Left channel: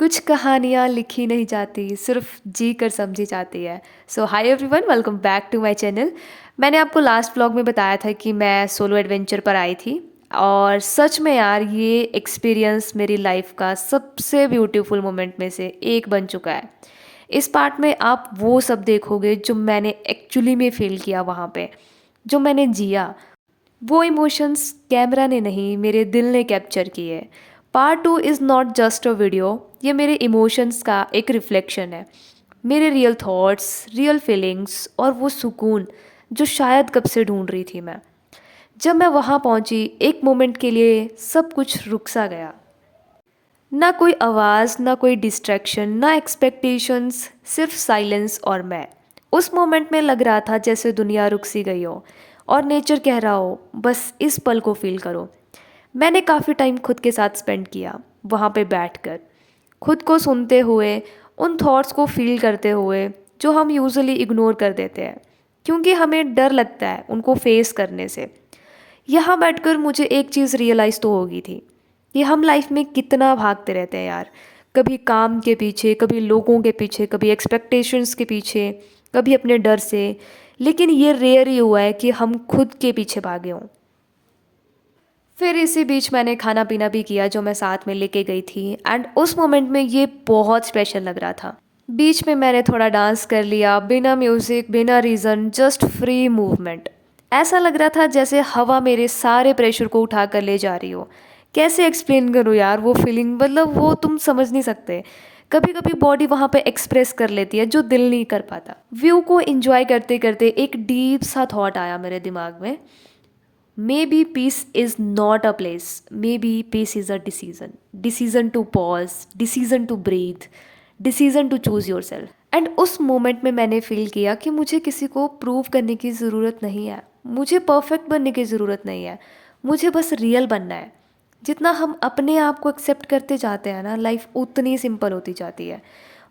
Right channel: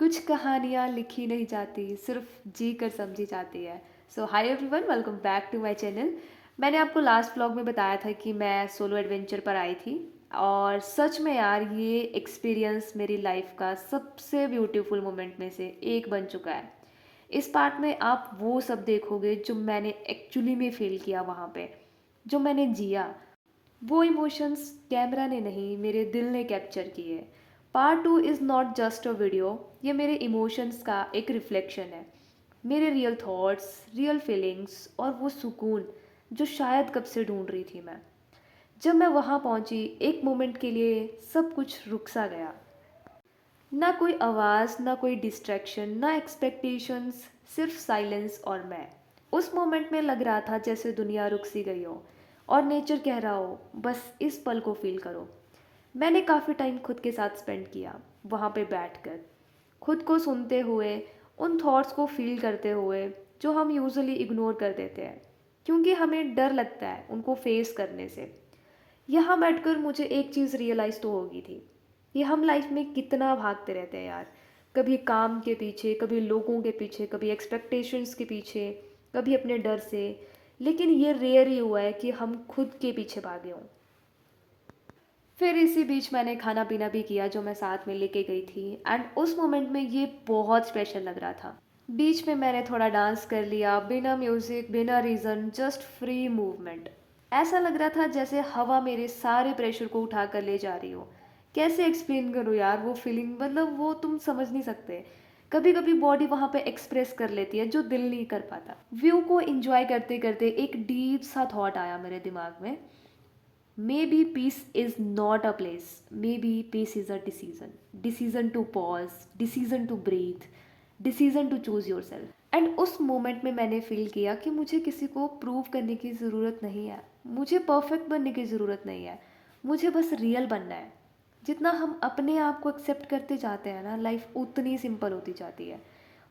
कुछ कहानियाँ लिखी नहीं जाती, सिर्फ जी कर समझी जाती है। So hi everyone, welcome back to my channel. मैंने आपको लास्ट व्लॉग में बताया था कि मैं सोलो एडवेंचर पर आई थी और सच में यार ये एक्सपीरियंस मेरी लाइफ का सबसे ब्यूटीफुल मोमेंट में से एक बन चुका है। इस पार्ट में आप वो सब देखोगे जो मैंने एक्चुअली में फील किया वहाँ पे, जो मैंने जिया। वो इमोशंस कैमरा ने नहीं, मेरे दिल ने कैप्चर किए। Part two is not just a video, ये मेरे इमोशंस का एक रिफ्लेक्शन है। मेरे रियल थॉट्स, रियल फीलिंग्स और वो सुकून जो शायद कब से ढूंढ रही थी मैं। जब मैं वहाँ पहुँची, एक मोमेंट के लिए सब कुछ रुक सा गया। ना कोई आवाज़, ना कोई डिस्ट्रैक्शन, ना एक्सपेक्टेशंस, सिर्फ साइलेंस और मैं। उस मोमेंट में लग रहा था जैसे दुनिया रुक सी गई हो और नेचर कह रहा हो बस इस पल को फील करो। मैंने काफ़ी टाइम खुद के साथ स्पेंड किया वहाँ पे बैठकर, खुद को सुनते हुए, उन थॉट्स को फील करते हुए जो हम यूजुअली इग्नोर कर देते हैं क्योंकि हमें डर लगता है उनको फेस करने से। यहाँ बैठकर मुझे एक चीज़ रियलाइज़ तो होगी थी कि हम लाइफ में कितना भागते रहते हैं यार। कभी काम के पीछे, कभी लोगों के पीछे, कभी एक्सपेक्टेशंस के पीछे, कभी अपने डर से। लेकिन ये रेयर ही हुआ है कि हम खुद के पीछे भागे हों। फिर इसी बीच मैंने खाना पीना भी किया जो मैं साथ में लेके गई थी, एंड उस मोमेंट में ये बहुत स्पेशल लग रहा था। बीच में मैंने थोड़ा डांस कर लिया, बिना म्यूज़िक, बिना रीज़न, जस्ट फ्री मूवमेंट। ऐसा लग रहा था जैसे हवा मेरे सारे प्रेशर को उठा कर ले जा रही हो। कैसे एक्सप्लेन करूँ यार वो फीलिंग, मतलब वो तुम समझ नहीं सकते। कभी कभी बॉडी वहाँ पे एक्सप्रेस कर लेती है जो दिल नहीं कर पाता। व्यू को एंजॉय करते करते एक डीप सा थॉट आया मेरे दिमाग में। Maybe peace is not a place. Maybe peace is a decision. Decision to pause, decision to breathe, decision to choose yourself. And उस मोमेंट में मैंने फील किया कि मुझे किसी को प्रूव करने की ज़रूरत नहीं है, मुझे परफेक्ट बनने की ज़रूरत नहीं है, मुझे बस रियल बनना है। जितना हम अपने आप को एक्सेप्ट करते जाते हैं ना, लाइफ उतनी सिंपल होती जाती है।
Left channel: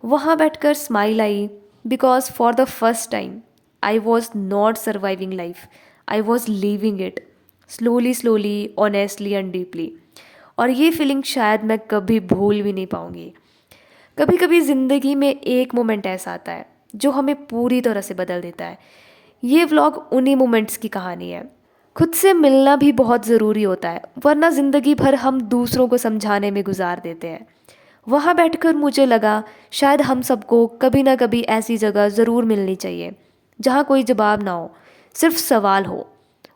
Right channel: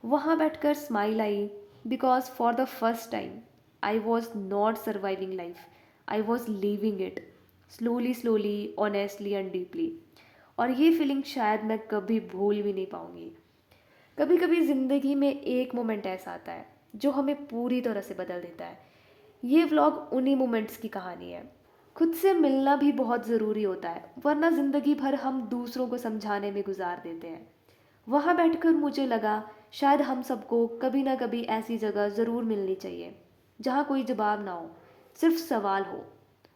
वहाँ बैठकर smile I, because for the first time I was not surviving life, I was living it, slowly slowly, honestly and deeply. और ये फीलिंग शायद मैं कभी भूल भी नहीं पाऊँगी। कभी कभी ज़िंदगी में एक मोमेंट ऐसा आता है जो हमें पूरी तरह से बदल देता है। ये व्लॉग उन्हीं मोमेंट्स की कहानी है। खुद से मिलना भी बहुत ज़रूरी होता है, वरना ज़िंदगी भर हम दूसरों को समझाने में गुजार देते हैं। वहाँ बैठकर मुझे लगा शायद हम सबको कभी ना कभी ऐसी जगह ज़रूर मिलनी चाहिए जहाँ कोई जवाब ना हो, सिर्फ सवाल हो,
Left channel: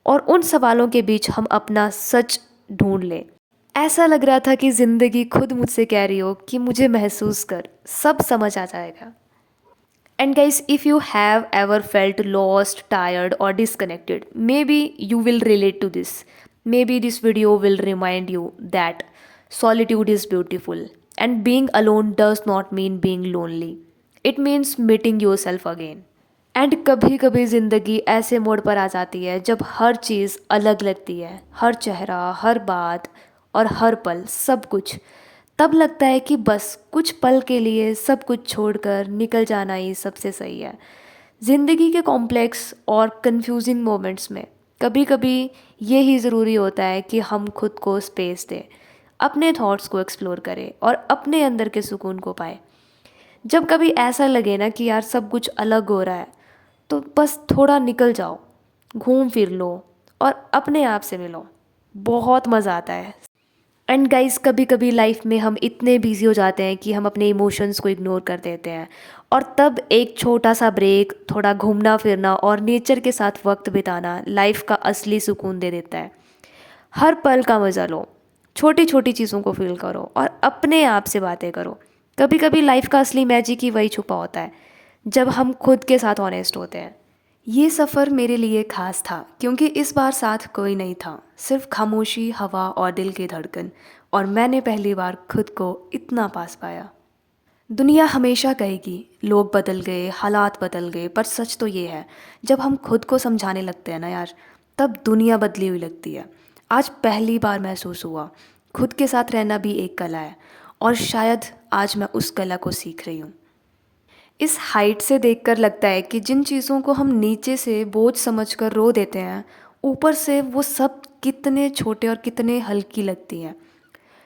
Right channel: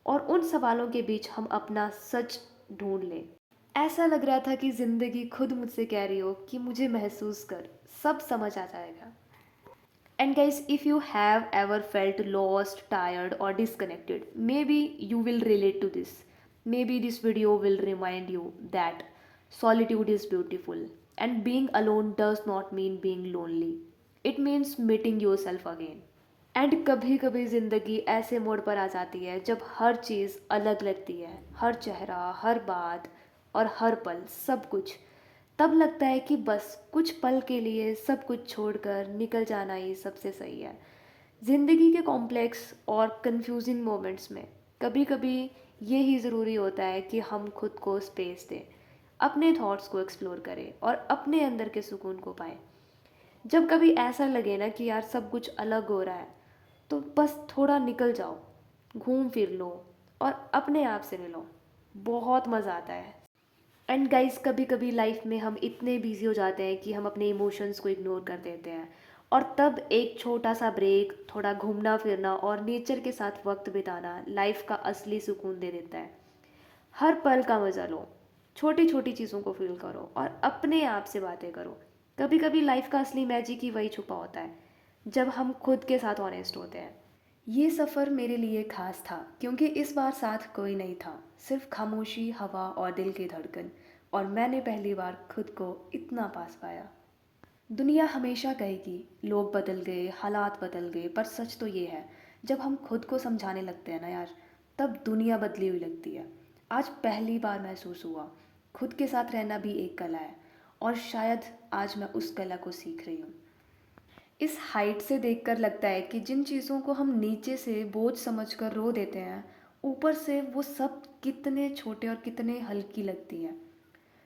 और उन सवालों के बीच हम अपना सच ढूंढ लें। ऐसा लग रहा था कि ज़िंदगी खुद मुझसे कह रही हो कि मुझे महसूस कर, सब समझ आ जाएगा। And guys, if you have ever felt lost, tired, or disconnected, maybe you will relate to this. Maybe this video will remind you that solitude is beautiful and being alone does not mean being lonely. It means meeting yourself again. And कभी कभी ज़िंदगी ऐसे मोड़ पर आ जाती है जब हर चीज़ अलग लगती है, हर चेहरा, हर बात और हर पल, सब कुछ। तब लगता है कि बस कुछ पल के लिए सब कुछ छोड़कर निकल जाना ही सबसे सही है। ज़िंदगी के कॉम्प्लेक्स और कंफ्यूजिंग मोमेंट्स में कभी कभी ये ही ज़रूरी होता है कि हम खुद को स्पेस दें, अपने थॉट्स को एक्सप्लोर करें और अपने अंदर के सुकून को पाएं। जब कभी ऐसा लगे ना कि यार सब कुछ अलग हो रहा है, तो बस थोड़ा निकल जाओ, घूम फिर लो और अपने आप से मिलो। बहुत मज़ा आता है। एंड गाइस, कभी कभी लाइफ में हम इतने बिजी हो जाते हैं कि हम अपने इमोशंस को इग्नोर कर देते हैं, और तब एक छोटा सा ब्रेक, थोड़ा घूमना फिरना और नेचर के साथ वक्त बिताना लाइफ का असली सुकून दे देता है। हर पल का मज़ा लो, छोटी छोटी चीज़ों को फील करो और अपने आप से बातें करो। कभी कभी लाइफ का असली मैजिक ही वही छुपा होता है जब हम खुद के साथ ऑनेस्ट होते हैं। ये सफ़र मेरे लिए ख़ास था क्योंकि इस बार साथ कोई नहीं था, सिर्फ खामोशी, हवा और दिल की धड़कन। और मैंने पहली बार खुद को इतना पास पाया। दुनिया हमेशा कहेगी लोग बदल गए, हालात बदल गए, पर सच तो ये है, जब हम खुद को समझाने लगते हैं ना यार, तब दुनिया बदली हुई लगती है। आज पहली बार महसूस हुआ खुद के साथ रहना भी एक कला है, और शायद आज मैं उस कला को सीख रही हूँ। इस हाइट से देखकर लगता है कि जिन चीज़ों को हम नीचे से बोझ समझकर रो देते हैं, ऊपर से वो सब कितने छोटे और कितने हल्की लगती हैं।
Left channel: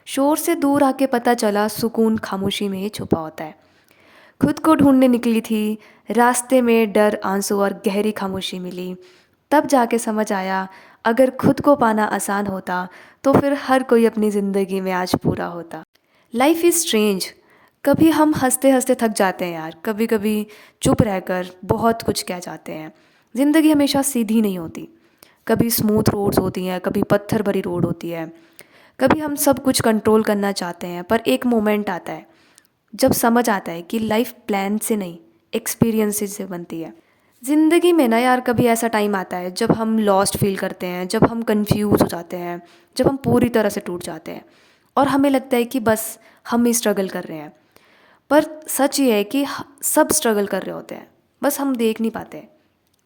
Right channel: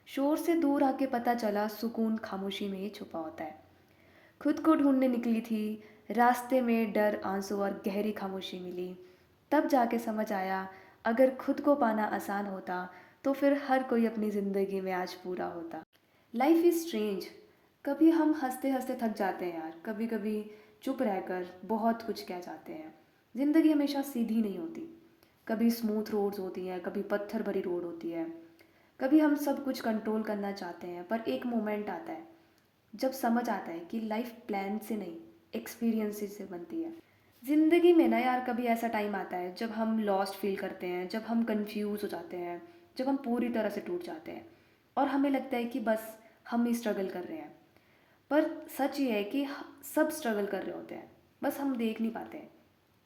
शोर से दूर आके पता चला सुकून खामोशी में ही छुपा होता है। खुद को ढूंढने निकली थी, रास्ते में डर, आंसू और गहरी खामोशी मिली। तब जाके समझ आया, अगर खुद को पाना आसान होता तो फिर हर कोई अपनी ज़िंदगी में आज पूरा होता। Life is strange. कभी हम हंसते हंसते थक जाते हैं यार, कभी कभी चुप रहकर बहुत कुछ कह जाते हैं। ज़िंदगी हमेशा सीधी नहीं होती, कभी स्मूथ रोड्स होती हैं, कभी पत्थर भरी रोड होती है। कभी हम सब कुछ कंट्रोल करना चाहते हैं, पर एक मोमेंट आता है जब समझ आता है कि लाइफ प्लान से नहीं, एक्सपीरियंसेस से बनती है। ज़िंदगी में ना यार, कभी ऐसा टाइम आता है जब हम लॉस्ट फील करते हैं, जब हम कंफ्यूज हो जाते हैं, जब हम पूरी तरह से टूट जाते हैं और हमें लगता है कि बस हम ही स्ट्रगल कर रहे हैं। पर सच ये है कि सब स्ट्रगल कर रहे होते हैं, बस हम देख नहीं पाते।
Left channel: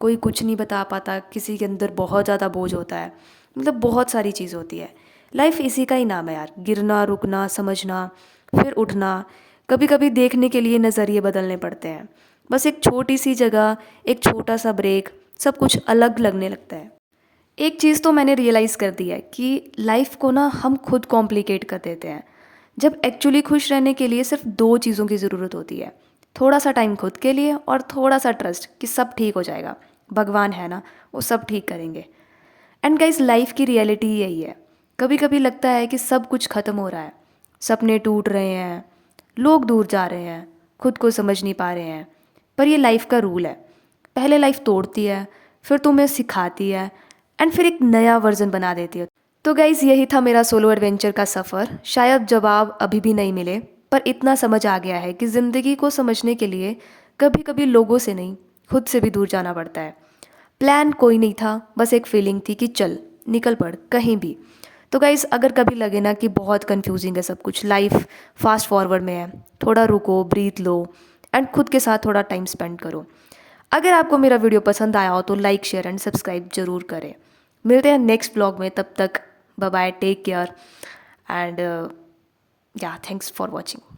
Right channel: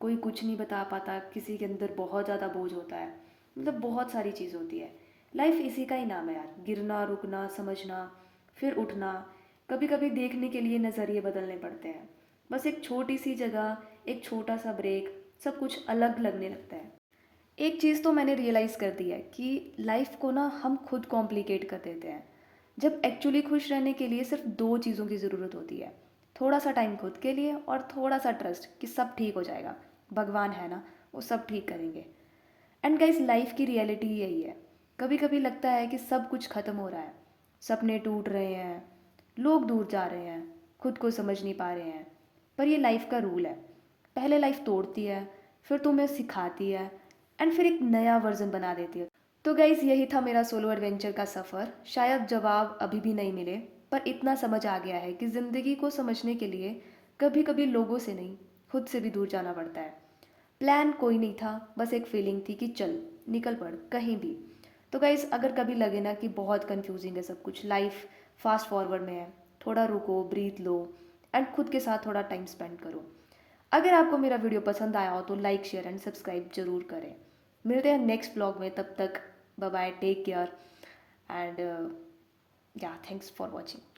कोई कुछ नहीं बता पाता, किसी के अंदर बहुत ज़्यादा बोझ होता है, मतलब बहुत सारी चीज़ होती है। लाइफ इसी का ही नाम है यार, गिरना, रुकना, समझना, फिर उठना। कभी कभी देखने के लिए नज़रिए बदलने पड़ते हैं। बस एक छोटी सी जगह, एक छोटा सा ब्रेक, सब कुछ अलग लगने लगता है। एक चीज़ तो मैंने रियलाइज़ कर दी है कि लाइफ को ना हम खुद कॉम्प्लिकेट कर देते हैं, जब एक्चुअली खुश रहने के लिए सिर्फ दो चीज़ों की ज़रूरत होती है। थोड़ा सा टाइम खुद के लिए और थोड़ा सा ट्रस्ट कि सब ठीक हो जाएगा, भगवान है ना, वो सब ठीक करेंगे। एंड गाइस, लाइफ की रियलिटी यही है। कभी कभी लगता है कि सब कुछ ख़त्म हो रहा है, सपने टूट रहे हैं, लोग दूर जा रहे हैं, खुद को समझ नहीं पा रहे हैं। पर ये लाइफ का रूल है, पहले लाइफ तोड़ती है, फिर तुम्हें सिखाती है, एंड फिर एक नया वर्जन बना देती है। तो गाइज़, यही था मेरा सोलो एडवेंचर का सफ़र। शायद जवाब अभी भी नहीं मिले, पर इतना समझ आ गया है कि ज़िंदगी को समझने के लिए कभी कभी लोगों से नहीं, खुद से भी दूर जाना पड़ता है। प्लान कोई नहीं था, बस एक फीलिंग थी कि चल निकल पड़ कहीं भी। तो गाइज़, अगर कभी लगे ना कि बहुत कंफ्यूजिंग है सब कुछ, लाइफ फास्ट फॉरवर्ड में है, थोड़ा रुको, ब्रीथ लो एंड खुद के साथ थोड़ा टाइम स्पेंड करो। अगर आपको मेरा वीडियो पसंद आया हो तो लाइक, शेयर एंड सब्सक्राइब जरूर करें। मिलते हैं नेक्स्ट ब्लॉग में, तब तक bye bye, take care and yeah, thanks for watching.